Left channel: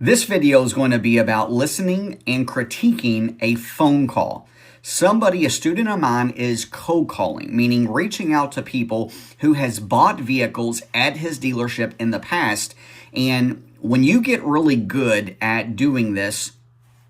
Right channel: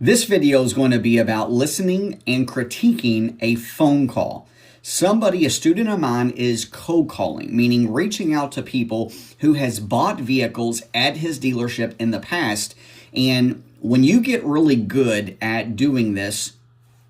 This video is going to be about listening and critiquing a phone call. A student of mine, is cold calling, meaning reaching out to people who has bought vehicles at his dealership in the past. And when you get really good at doing this,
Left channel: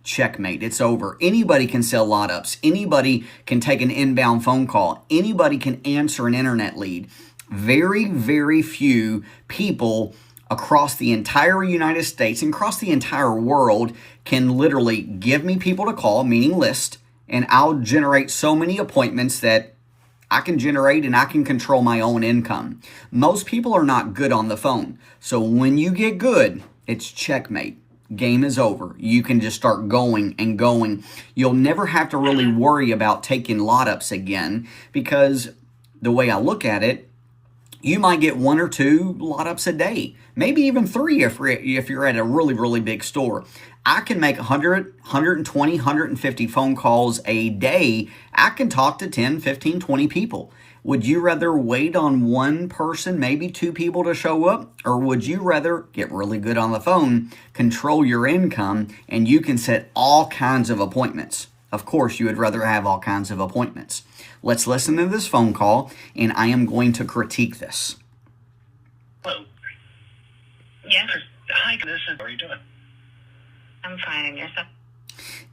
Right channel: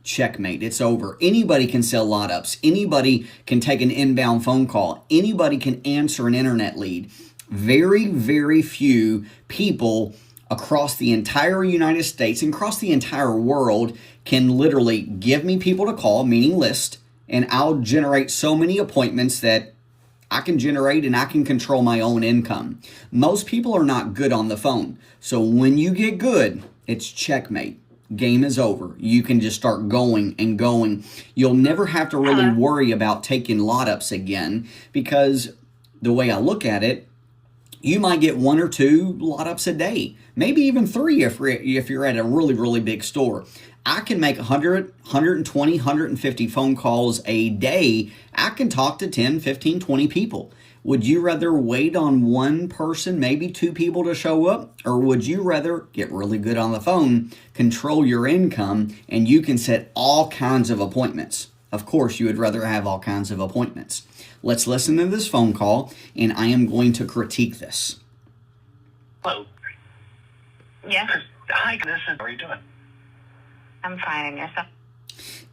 checkmate, it's over. Anybody can sell lot ups. Anybody can take an inbound phone call. Anybody can answer an internet lead. Very, very few people across the entire United States and across the entire world can literally give me people to call, meaning list, and I'll generate so many appointments that I can generate and I can control my own income. Most people are not good on the phone. So when you get good, it's checkmate. Game is over. You can just start going and going. You'll never have to really worry about taking lot ups again, because the way I look at it, you might get 1 or 2 lot ups a day, maybe even 3 if you're at a really, really big store. I can make 100, 120, 150 phone calls a day. I can talk to 10, 15, 20 people. Would you rather wait on one person, maybe 2 people to show up? Or would you rather get really good on the phone, control your income, and you can set all kinds of appointments? Of course, you would rather have all kinds of appointments. Let's listen to this phone call, and I am going to critique this. Hello. Yeah, Hi, how are you doing? I'm fine. And yourself?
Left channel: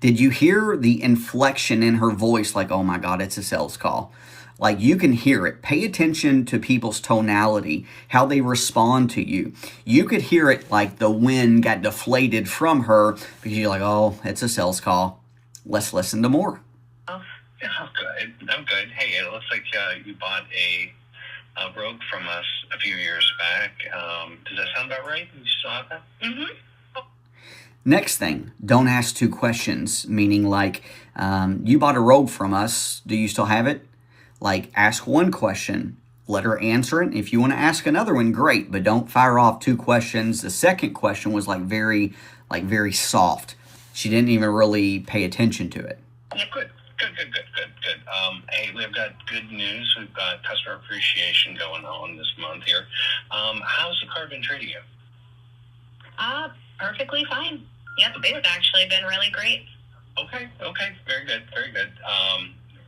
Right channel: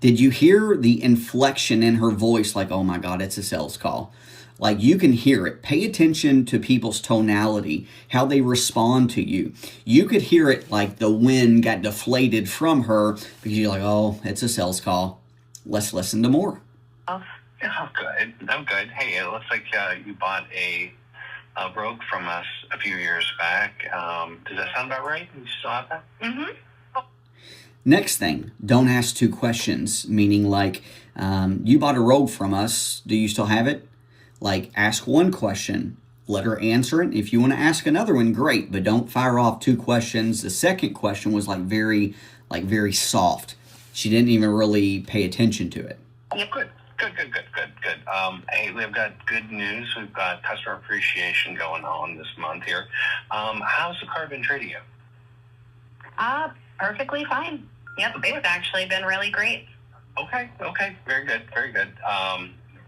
Did you hear the inflection in her voice? Like, oh my God, it's a sales call. Like, you can hear it. Pay attention to people's tonality, how they respond to you. You could hear it like the wind got deflated from her because you're like, oh, it's a sales call. Let's listen to more. Oh, Yeah, I'm good. Hey, it looks like you bought a Rogue from us a few years back. Does that sound about right? You still have that? mm-hmm. Next thing, don't ask 2 questions, meaning like, you bought a Rogue from us. Do you still have it? Like, ask 1 question, let her answer it. If you want to ask another one, great, but don't fire off 2 questions. The second question was very soft. She didn't even really pay attention to it. Yep. Good. Hey, we've got good news. We've got customer appreciation going on this month here. How's the car been treating you? Perfectly fine. Yep, it's actually been really great. Okay. Very good.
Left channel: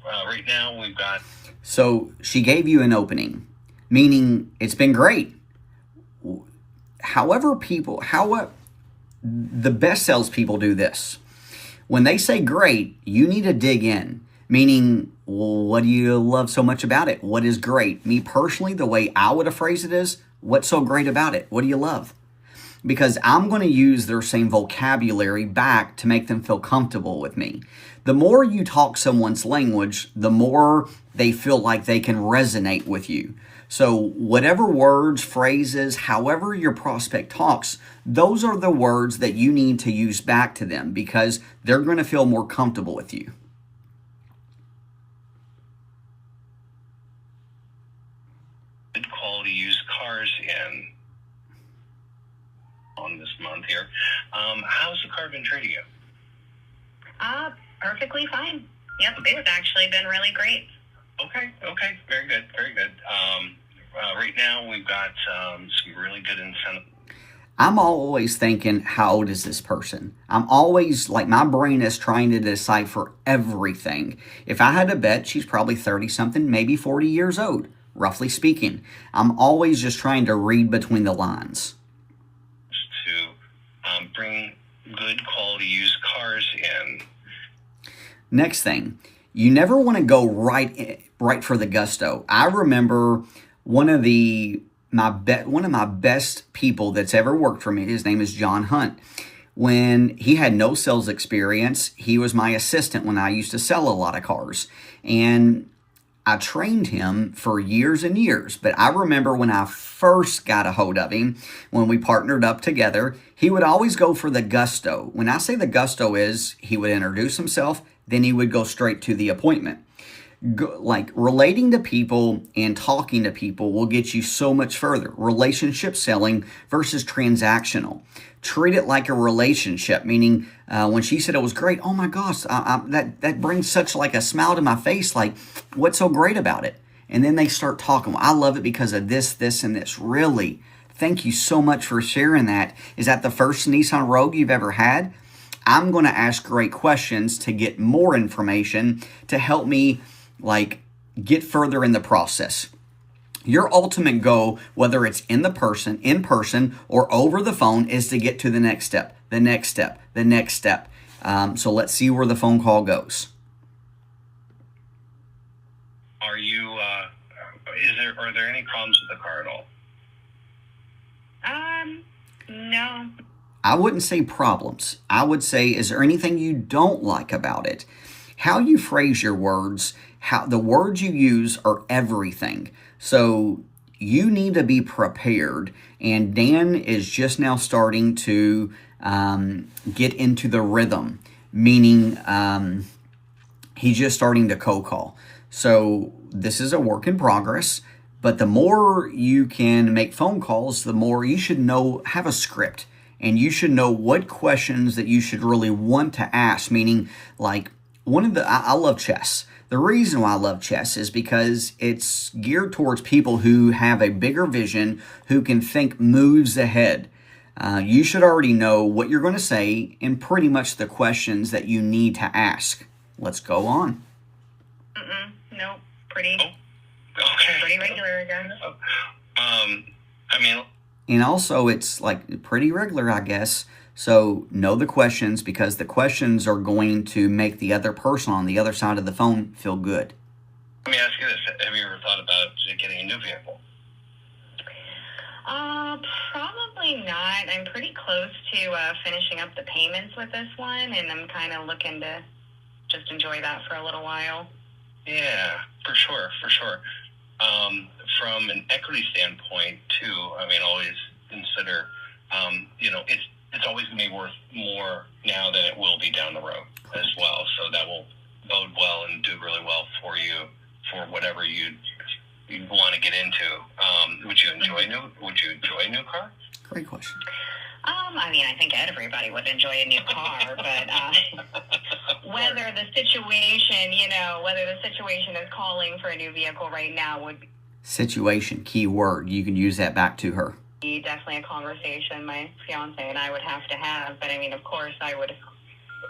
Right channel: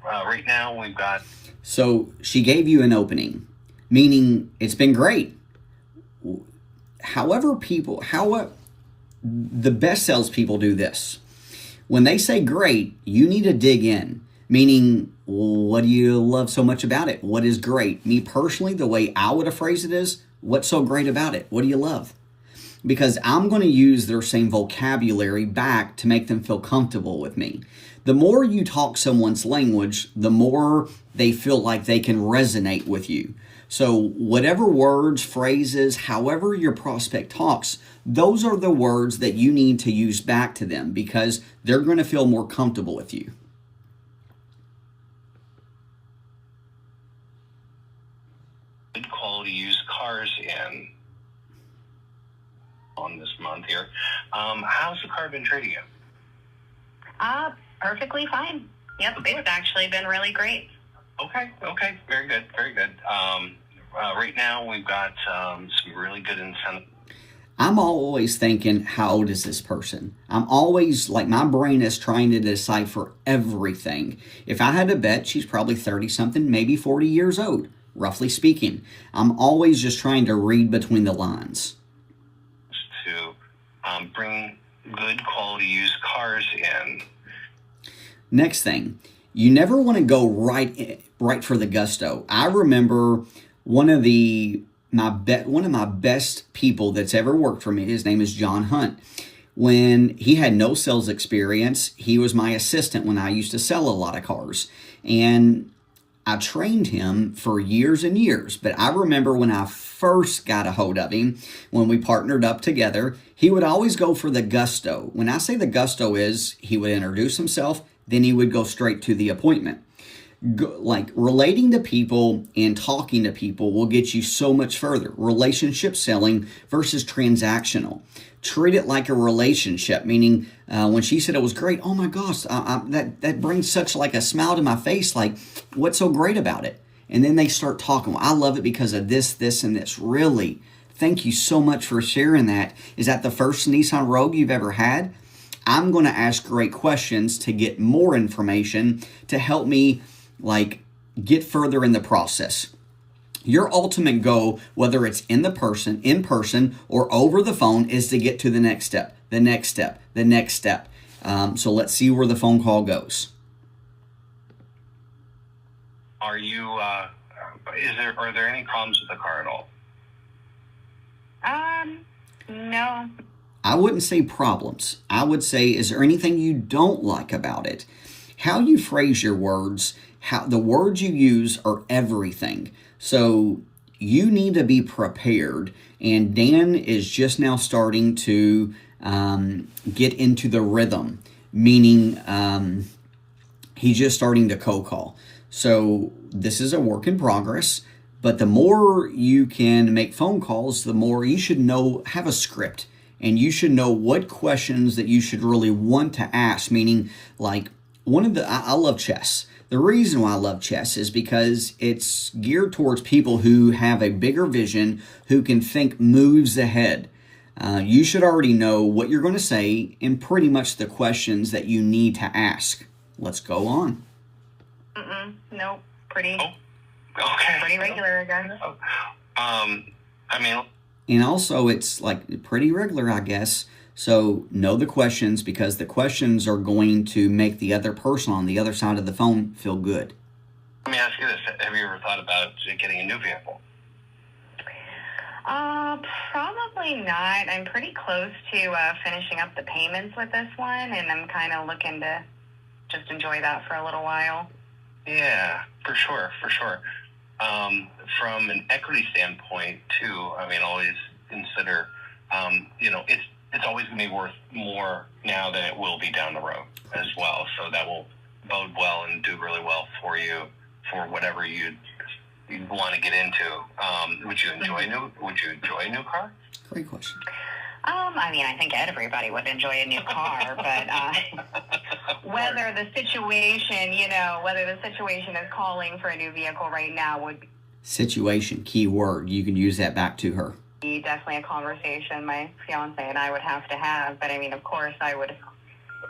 Right now we've got... So she gave you an opening, meaning it's been great. However, the best salespeople do this. When they say great, you need to dig in, meaning, well, what do you love so much about it? What is great? Me personally, the way I would have phrased it is, what's so great about it? What do you love? Because I'm going to use their same vocabulary back to make them feel comfortable with me. The more you talk someone's language, the more they feel like they can resonate with you. So whatever words, phrases, however your prospect talks, those are the words that you need to use back to them because they're going to feel more comfortable with you. Good quality used cars in on this month here. How's the car been treating you? Perfectly fine. Yep, it's actually been really great. Okay. Very good. Right now we've got some really good incentives. I'm always thinking, how old is this person? I'm always, like, my brain is trying to decipher everything. If I had to bet, she's probably 30-something, maybe 40 years old, roughly speaking. I'm always just trying to read between the lines. To bring good quality used cars in. Next thing, you never want to go right for the gusto. I remember one of my best people that's ever worked for me. His name is John Hunt. When he had no sales experience, he was my assistant when I used to sell a lot of cars, and I trained him for years and years. But I remember when I first got a hold of him, when we partnered up together, he would always go for the gusto. When I say the gusto is, he would introduce himself, then he would go straight to the appointment. Like, relating to people and talking to people will get you so much further. Relationship selling versus transactional. Treat it like a relationship, meaning when she said it was great, oh my gosh, that brings such like a smile to my face, like, what's so great about it? And then they start talking, well, I love it because of this, and this. Really Thank you so much for sharing that. Is that the first Nissan Rogue you've ever had? I'm going to ask great questions to get more information to help me get further in the process. Your ultimate goal, whether it's in person, or over the phone, is to get to the next step, the next step, the next step. So let's see where the phone call goes. Are there any problems with the car at all? No. I wouldn't say problems. I would say, is there anything you don't like about it? How you phrase your words, how the words you use are everything. So you need to be prepared. And Dan is just now starting to get into the rhythm, meaning he's just starting to cold call. So this is a work in progress. But the more you can make phone calls, the more you should have a script. And you should know what questions that you should really want to ask, meaning I love chess. The reason why I love chess is because it's geared towards people who have a bigger vision, who can think moves ahead. You should already know what you're going to say and pretty much the questions that you need to ask. Let's go on. Nope. Pretty regular again. And also it's pretty regular, I guess. So know the questions, because the questions are going to make the other person on the other side of the phone feel good. Let me ask you this. Have you ever thought about getting a new vehicle? Probably not. I'm pretty close to finishing up the payments with this one, and I'm kind of looking to just enjoy that for a little while. Yeah, for sure. From an equity standpoint, too, always consider, it's always going to be worth more now than it will be down the road as well. So that will bode well and do really well for you for whatever you want to get into. Would you enjoy a new car? Great question. I think everybody would enjoy a new car, but whether the situation is calling for a new vehicle right now would be situation, key word. You can use that back to her. Definitely a conversation my fiance and I would have to have, but of course I would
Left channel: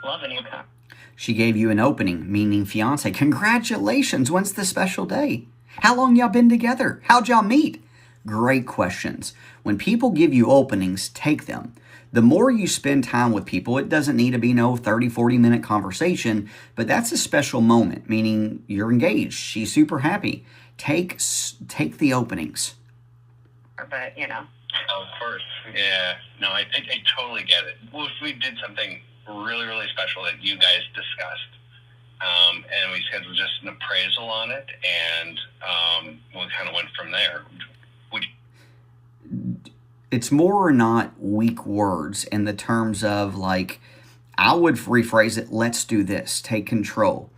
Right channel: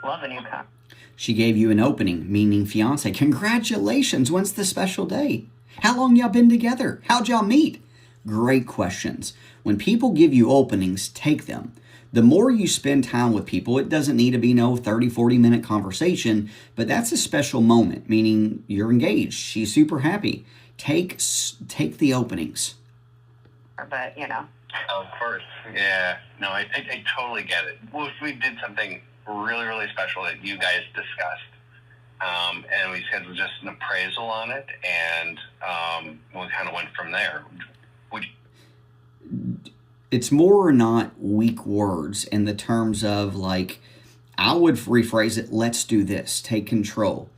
love a new car. She gave you an opening, meaning fiance. Congratulations, when's the special day? How long y'all been together? How'd y'all meet? Great questions. When people give you openings, take them. The more you spend time with people, it doesn't need to be no 30, 40-minute conversation, but that's a special moment, meaning you're engaged. She's super happy. Take the openings. But, Of course. Yeah. No, I totally get it. Well, if we did something really, really special that you guys discussed, and we scheduled just an appraisal on it, and we kind of went from there, would you? It's more or not weak words in the terms of I would rephrase it, let's do this, take control.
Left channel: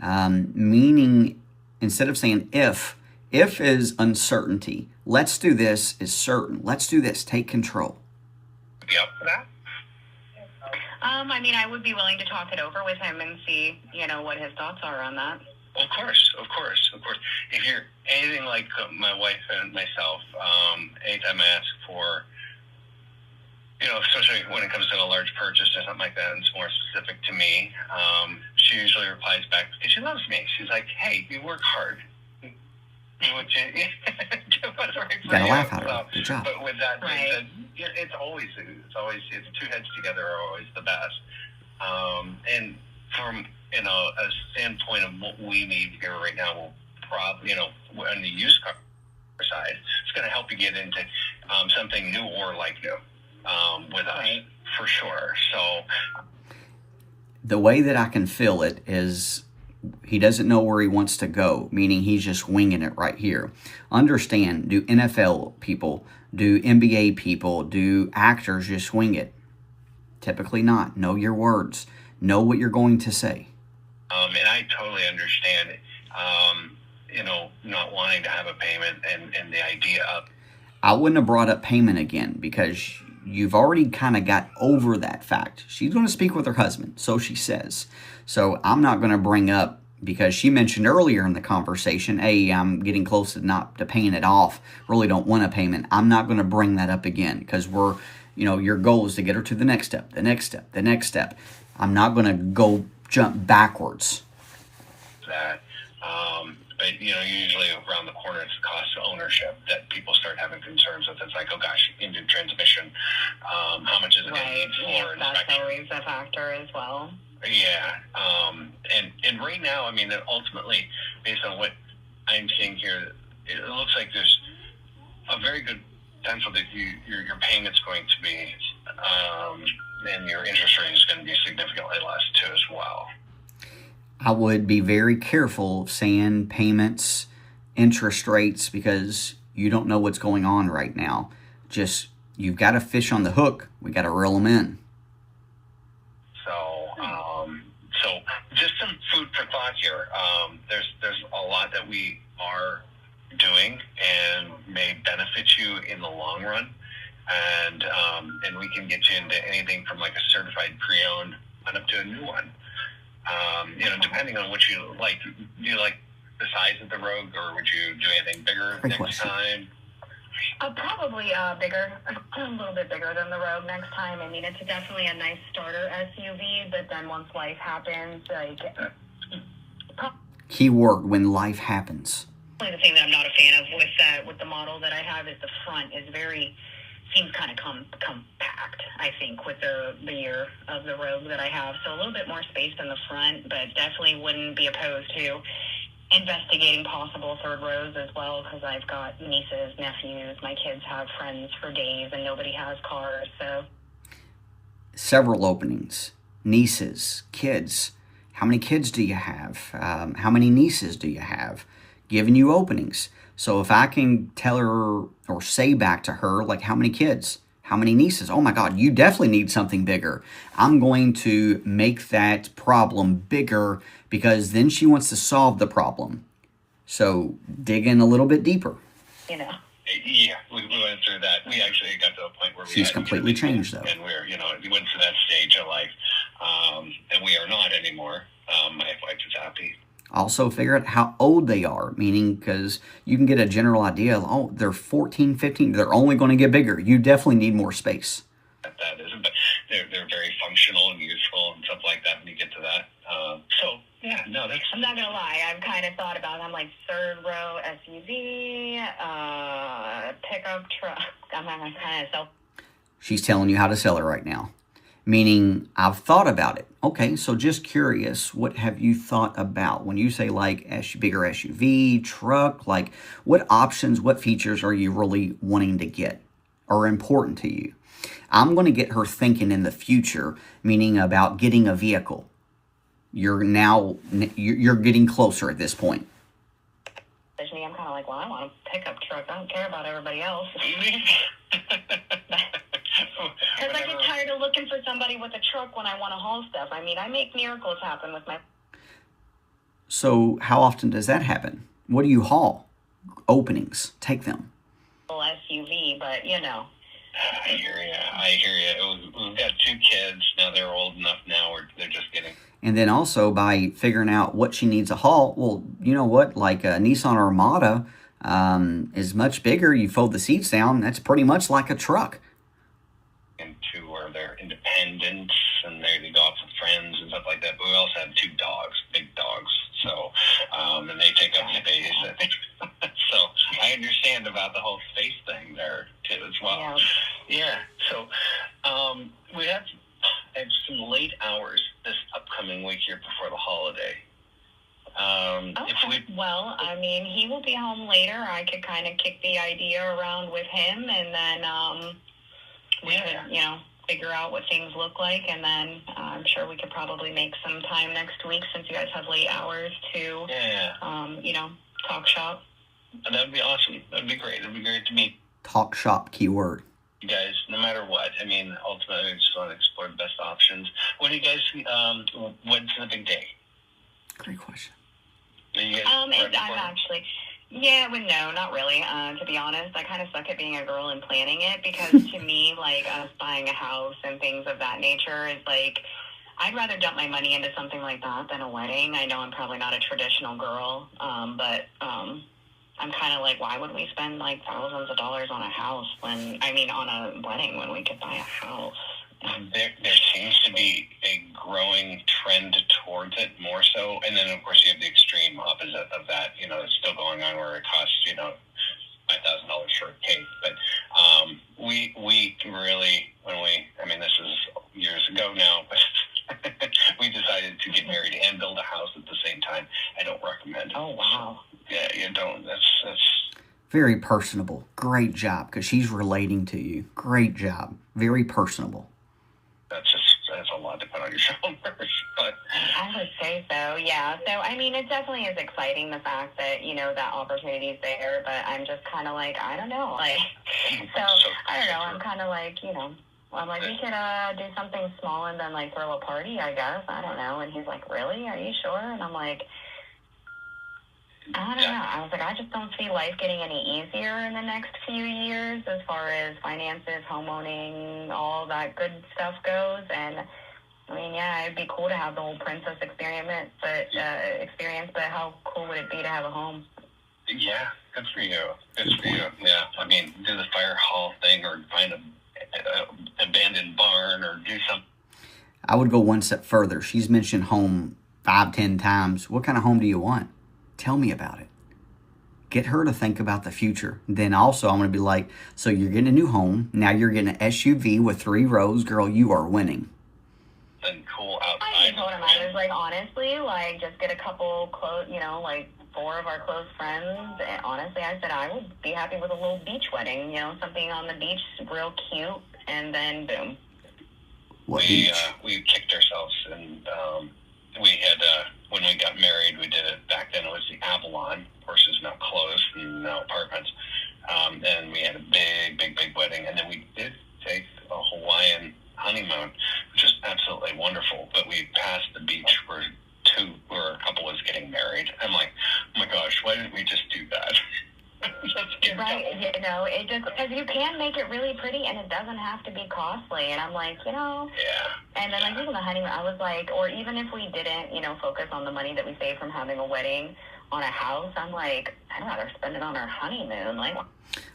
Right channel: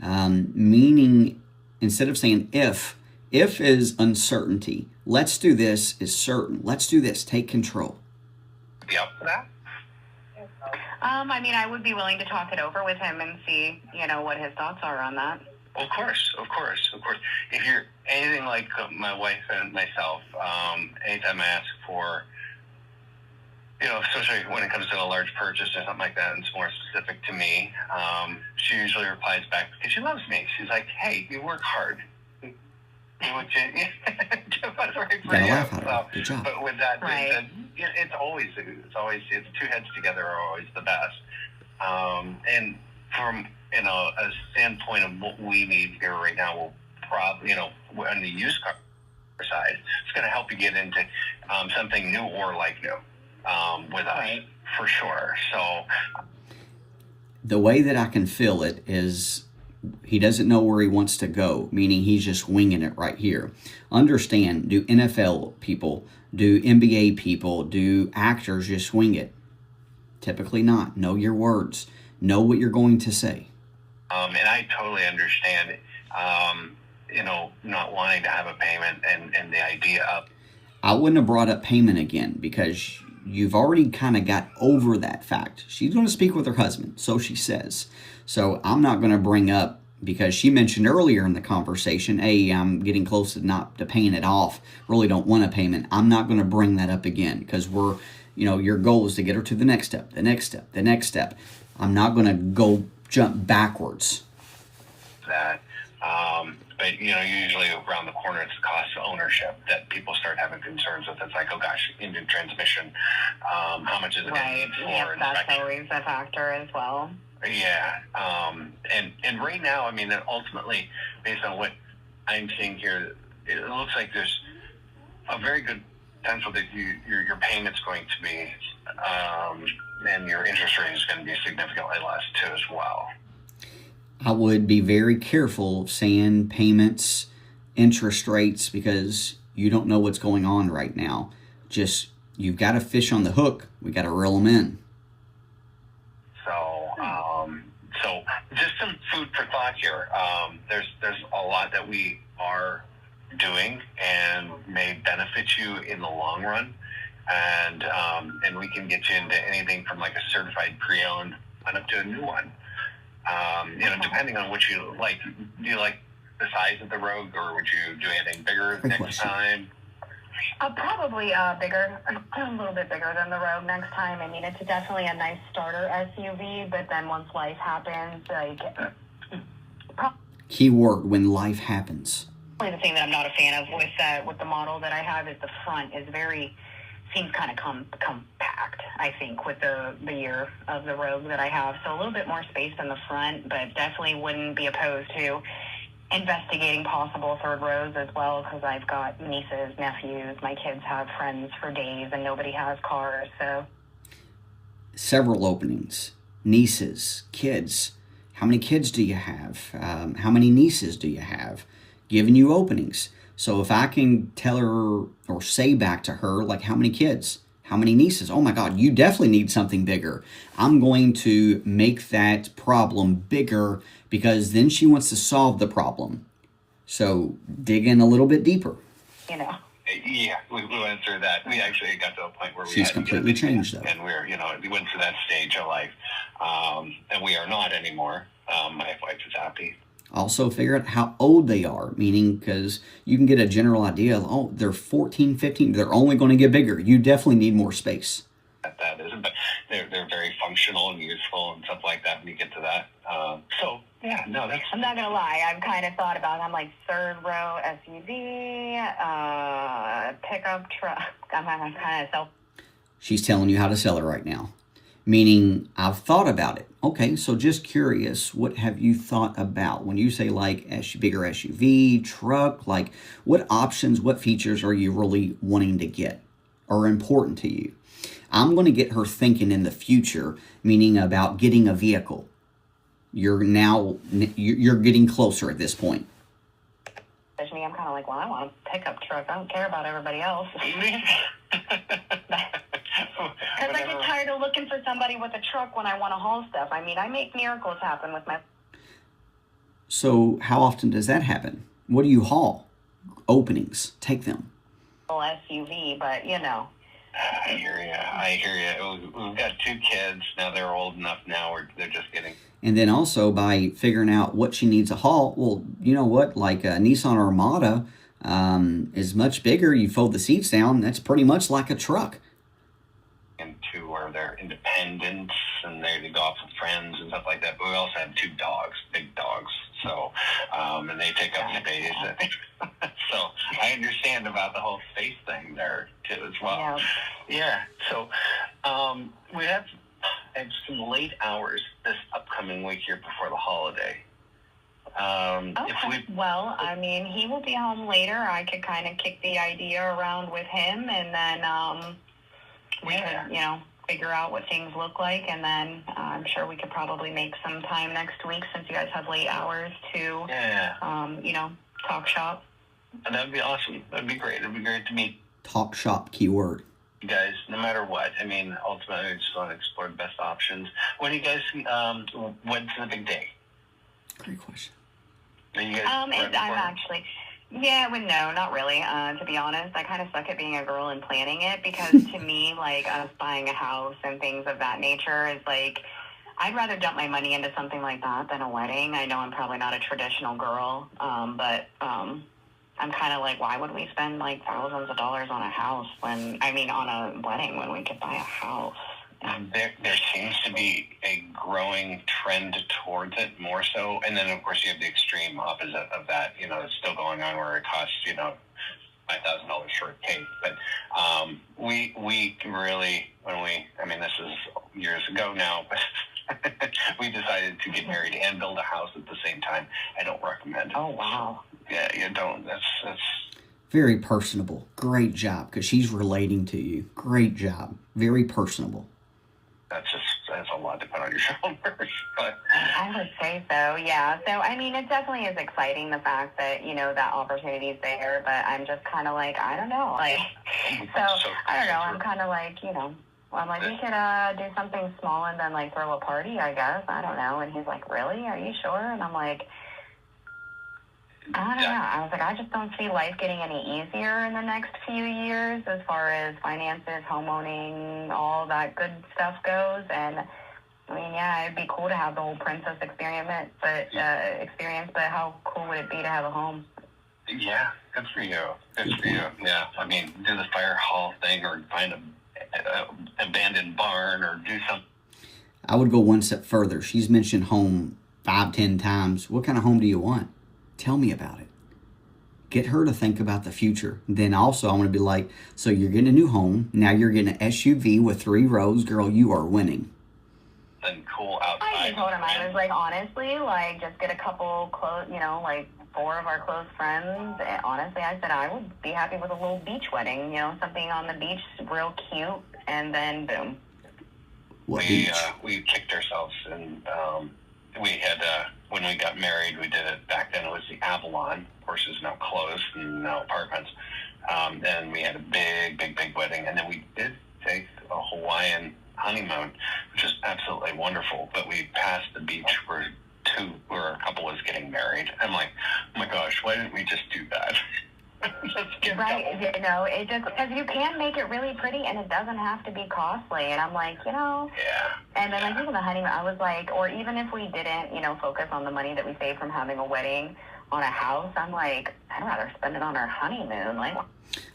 Meaning, instead of saying if is uncertainty. Let's do this is certain. Let's do this, take control. Be up for that? I would be willing to talk it over with him and see, what his thoughts are on that. Of course. If you're anything like my wife and myself, anytime I ask for, especially when it comes to a large purchase or something like that, and it's more specific to me, she usually replies back because she loves me. She's like, "Hey, you work hard. Do what's right for you." Laugh at her. Good job. But with that being said, it's two heads together are always the best. And from a standpoint of what we need here right now, we'll probably on the used car side, it's going to help you get into something new or like new with us for sure. So the way that I can feel it is he doesn't know where he wants to go, meaning he's just winging it right here. Understand, do NFL people, do NBA people, do actors just wing it? Typically not. Know your words. Know what you're going to say. And I totally understand it. Not wanting to have a payment and the idea of... I wouldn't have brought up payment again because you've already kind of got over that fact. She's going to speak with her husband, so she says. So I'm not going to bring up because she mentioned earlier in the conversation, hey, I'm getting close to paying it off. Really don't want a payment. I'm not going to bring that up again because your goal is to get her to the next step, the next step, the next step. I'm not going to jump backwards. That, but usually around the corner, it's the cost of ownership that people start having concerns with. It's like, oh gosh, engine transmission, how much is it going to need for inspection? That's always a factor as well. Yeah, and right now, I mean, ultimately, based on what I'm seeing here, it looks like there's a very good potential that your payment's going to be, and your interest rate is going to be significantly less too as well. I would be very careful saying payments, interest rates, because you don't know what's going on right now. Just, you've got a fish on the hook. We got to reel them in. So just some food for thought here. There's a lot that we are doing and may benefit you in the long run, and we can get you into anything from like a certified pre-owned on up to a new one. Depending on what you like. Do you like the size of the Rogue, or would you do anything bigger next time? Probably bigger, a little bit bigger than the Rogue next time. I mean, it's definitely a nice starter SUV, but then once life happens, Keyword, when life happens. The thing that I'm not a fan of with the model that I have is the front seems kind of compact, I think, with the year of the Rogue that I have. So a little bit more space in the front, but definitely wouldn't be opposed to investigating possible third rows as well, because I've got nieces, nephews, my kids have friends for days, and nobody has cars, so. Several openings. Nieces, kids. How many kids do you have? How many nieces do you have? Giving you openings. So if I can tell her or say back to her, like, how many kids? How many nieces? Oh my God, you definitely need something bigger. I'm going to make that problem bigger, because then she wants to solve the problem. So dig in a little bit deeper. Yeah, we went through that. We actually got to a point where she's completely changed, though. And we went through that stage of life, and we are not anymore. My wife is happy. Also figure out how old they are, meaning, because you can get a general idea of, oh, they're 14, 15, they're only going to get bigger. You definitely need more space. That isn't, but they're very functional and useful and stuff like that when you get to that. I'm not going to lie, I've kind of thought about, I'm like, third row SUV, pickup truck. I'm kind of self. She's telling you how to sell it right now. Meaning, I've thought about it. Okay, so just curious, what have you thought about? When you say like bigger SUV, truck, like what options, what features are you really wanting to get or important to you? I'm going to get her thinking in the future, meaning about getting a vehicle. You're getting closer at this point. I'm kind of like, well, I want a pickup truck. I don't care about everybody else. Because I get tired of looking for somebody with a truck when I want to haul stuff. I mean, I make miracles happen with my... So how often does that happen? What do you haul? Openings. Take them. SUV, but I hear you. We've got 2 kids. Now they're old enough now. They're just getting... And then also by figuring out what she needs to haul, well, you know what? Like a Nissan Armada is much bigger. You fold the seats down. That's pretty much like a truck. And 2 where they're independent and they go off with friends and stuff like that. But we also have 2 dogs, big dogs. So, and they take up space. So I understand about the whole space thing there too as well. Yeah. So we have some late hours this upcoming week here before the holiday. Well, I mean, he will be home later. I could kind of kick the idea around with him, and then we could, figure out what things look like, and then I'm sure we could probably make some time next week, since you guys have late hours, to, talk shop. And that would be awesome. That would be great. It would be great to meet. Talk shop, keyword. You guys, no matter what. I mean, ultimately, we just want to explore the best options. When do you guys, when's the big day? Great question. Are you guys I'm actually... Yeah, well, no, not really. To be honest, I kind of suck at being a girl and planning it, because to me, like, us buying a house and things of that nature is like, I'd rather dump my money into something like that than a wedding. I know I'm probably not a traditional girl, but I'm kind of like, why would we spend like thousands of dollars on a house on a wedding when we could buy a house? There seems to be a growing trend towards it more so. And then, of course, you have the extreme opposite of that. It's still going on where it costs, $5,000 for a cake. But we really, this is years ago now, but we decided to get married and build a house at the same time. I don't recommend it. Oh, wow. Yeah, you don't. That's very personable. Great job, because she's relating to you. Great job. Very personable. That's a lot to put on your shoulders. But I would say so, yeah. So, it definitely is exciting, the fact that, that opportunity's there, but I'm just kind of like, I don't know. I don't know. I'm kind of like, I'm like, we could do something small and then, like, throw a party, I guess. I don't know. And he's like, really? Are you sure? And I'm like, I don't know. I was like, I just don't see life getting any easier in the next few years as far as finances, homeowning, all that good stuff goes. And yeah, it'd be cool to have the whole princess experience, but how cool would it be to have a home? Yeah, good for you. Good for you. Yeah, do the fire hall thing, or find a abandoned barn, or do something. I would go one step further. She's mentioned home 5-10 times. What kind of home do you want? Tell me about it. Get her to think about the future. Then also, I'm going to be like, so you're getting a new home. Now you're getting an SUV with 3 rows. Girl, you are winning. And cool outside. I told him, I was like, honestly, like, just get a couple close, like 4 of our close friends. And honestly, I said I would be happy with a little beach wedding, something on the beach, real cute, and then boom. We kicked ourselves, and we had, when we got married, we did it back then. It was the Avalon. Of course, it's now closed and now apartments. And we had a big wedding. And then we did take a Hawaiian honeymoon, which is absolutely wonderful. But we passed the beach where a couple was getting married. I'm like, oh my gosh, why didn't we just do that? Right, it just, because you can make it really pretty and it doesn't have to be costly. And I'm like, Yeah. And then like even the honeymoon, I was like, or even if we didn't, focus on the money that we saved from having a wedding on a house, I'm like, I'd rather spend it on our honeymoon. Like,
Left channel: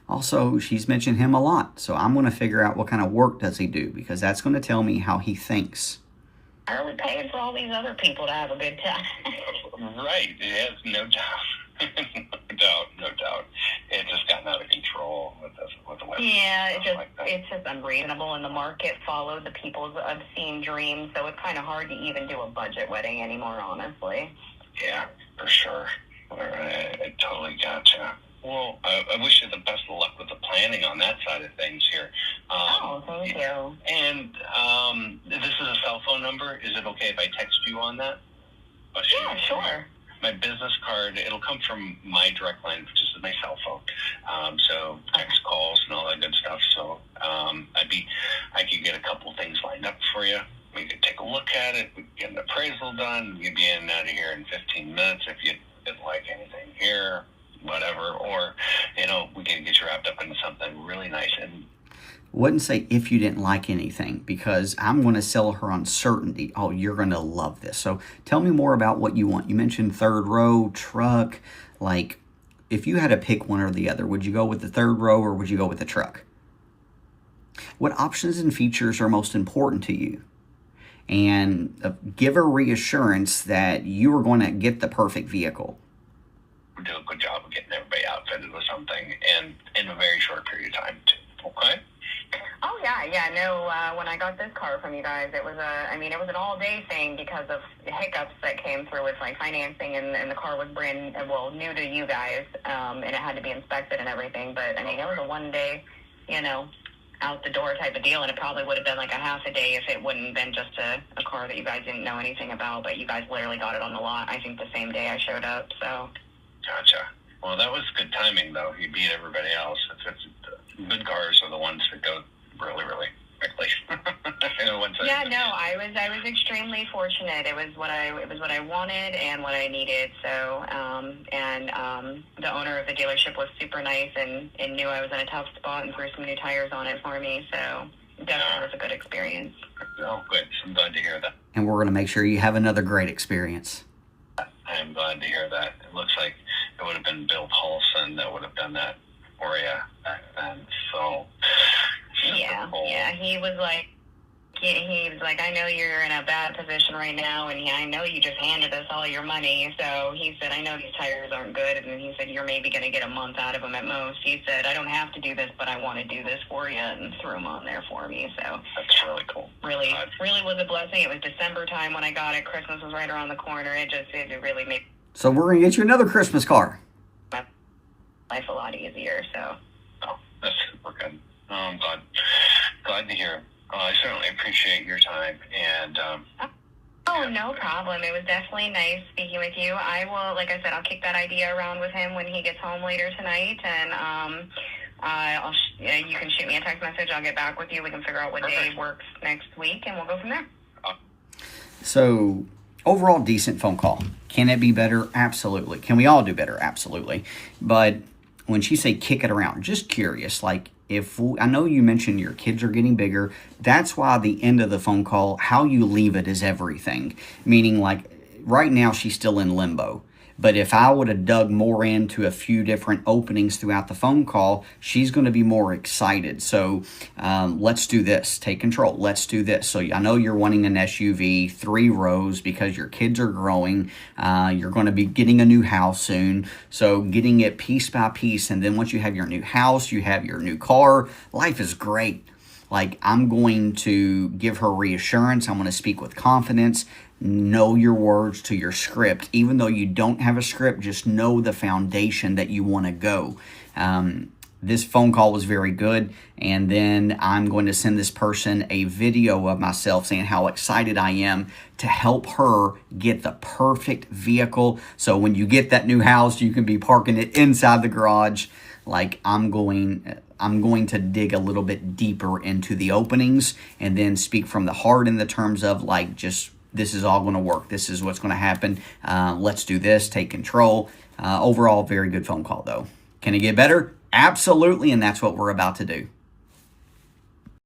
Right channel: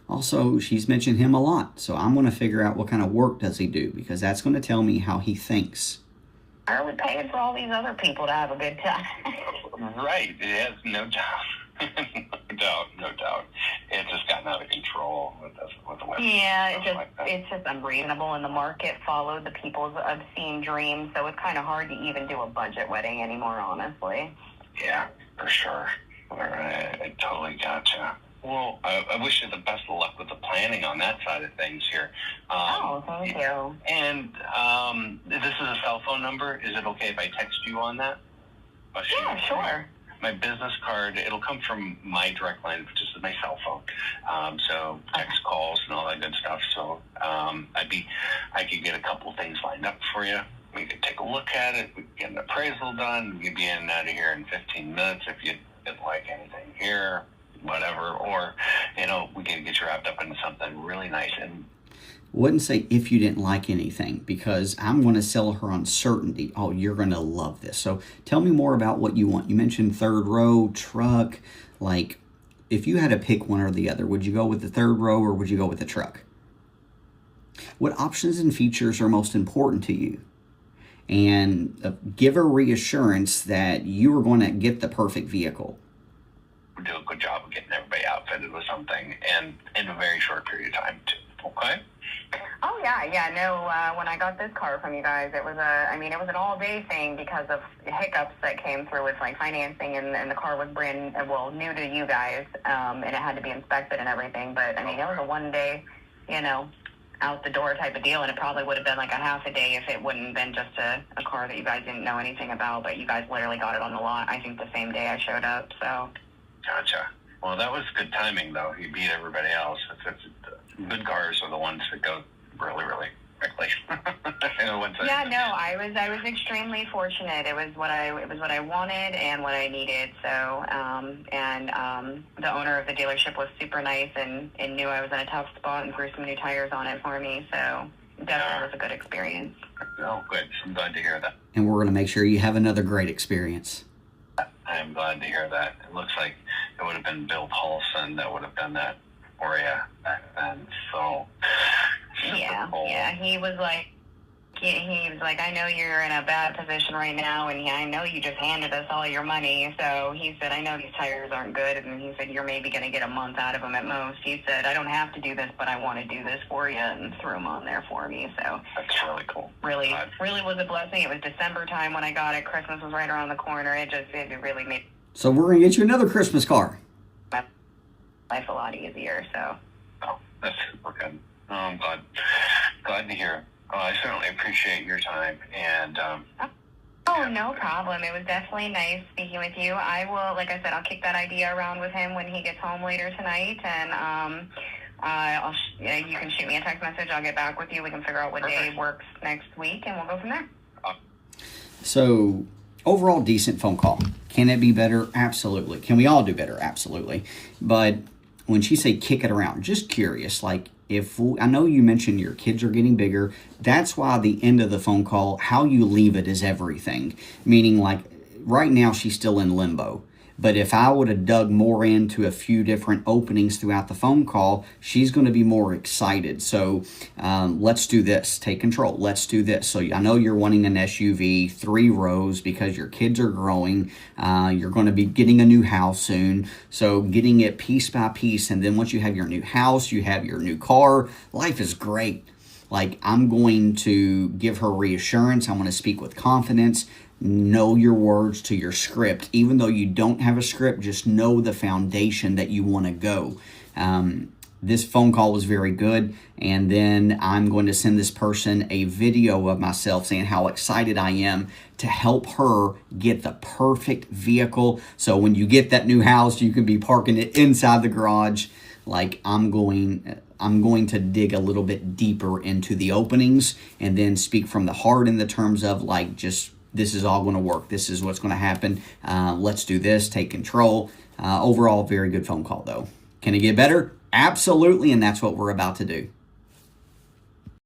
also, she's mentioned him a lot, so I'm going to figure out what kind of work does he do, because that's going to tell me how he thinks. Why are we paying for all these other people to have a good time? Right, yes, no doubt. No doubt. It's just gotten out of control with the wedding. Yeah, it's just unreasonable, and the market followed the people's obscene dreams, so it's kind of hard to even do a budget wedding anymore, honestly. Yeah, for sure. I totally gotcha. Well, I wish you the best of luck with the planning on that side of things here. Thank you. And this is a cell phone number. Is it okay if I text you on that? Yeah, sure. My business card, it'll come from my direct line, which is my cell phone. So text calls and all that good stuff. So I could get a couple things lined up for you. We could take a look at it. We could get an appraisal done. You'd be in and out of here in 15 minutes if you didn't like anything here, whatever. Or, we can get you wrapped up into something really nice. And wouldn't say if you didn't like anything, because I'm going to sell her on certainty. Oh, you're going to love this. So tell me more about what you want. You mentioned 3rd row, truck. Like, if you had to pick one or the other, would you go with the 3rd row or would you go with the truck? What options and features are most important to you? And give her reassurance that you are going to get the perfect vehicle. We do a good job of getting everybody outfitted with something, and in a very short period of time, too. Okay? Oh, yeah, no, when I got this car from you guys, it was an all-day thing because of hiccups that came through with, like, financing, and the car was new to you guys, and it had to be inspected and everything, but, it was a one-day, out the door type of deal, and it probably would have been like a half a day if it wouldn't have been just a car that you guys didn't know anything about, but you guys literally got it on the lot, I think the same day I showed up, so. Gotcha. Well, that was good timing, though. You beat everybody else. Good cars are the ones that go really, really quickly. Yeah, no, I was extremely fortunate. It was what I wanted and what I needed. So, the owner of the dealership was super nice and knew I was in a tough spot and threw some new tires on it for me. So definitely was a good experience. Oh, good. I'm glad to hear that. And we're going to make sure you have another great experience. I am glad to hear that. It looks like it would have been Bill Paulson that would have done that for you back then. So, Yeah, cool. yeah. He was like, I know you're in a bad position right now, and I know you just handed us all your money. So he said, I know these tires aren't good, and then he said, you're maybe going to get a month out of them at most. He said, I don't have to do this, but I want to do this for you, and threw them on there for me. So that's really cool. Really was a blessing. It was December time when I got it. Christmas was right around the corner. It really made So we're going to get you another Christmas car. my life a lot easier. So. Oh, that's super good. Oh, I'm glad to hear. I certainly appreciate your time, and Oh, no problem. It was definitely nice speaking with you. I will, like I said, I'll kick that idea around with him when he gets home later tonight, and you can shoot me a text message. I'll get back with you. We can figure out what day works next week, and we'll go from there. So, overall, decent phone call. Can it be better? Absolutely. Can we all do better? Absolutely. But when she say kick it around, just curious, like, I know you mentioned your kids are getting bigger. That's why the end of the phone call, how you leave it is everything. Meaning, like, right now she's still in limbo. But if I would have dug more into a few different openings throughout the phone call, she's going to be more excited. So let's do this. Take control. Let's do this. So I know you're wanting an SUV, 3 rows, because your kids are growing. You're going to be getting a new house soon. So getting it piece by piece. And then once you have your new house, you have your new car, life is great. Like, I'm going to give her reassurance. I'm going to speak with confidence. Know your words to your script. Even though you don't have a script, just know the foundation that you want to go. This phone call was very good. And then I'm going to send this person a video of myself saying how excited I am to help her get the perfect vehicle. So when you get that new house, you can be parking it inside the garage. Like, I'm going to dig a little bit deeper into the openings and then speak from the heart in the terms of, like, just, this is all going to work. This is what's going to happen. Let's do this. Take control. Overall, very good phone call, though. Can it get better? Absolutely, and that's what we're about to do.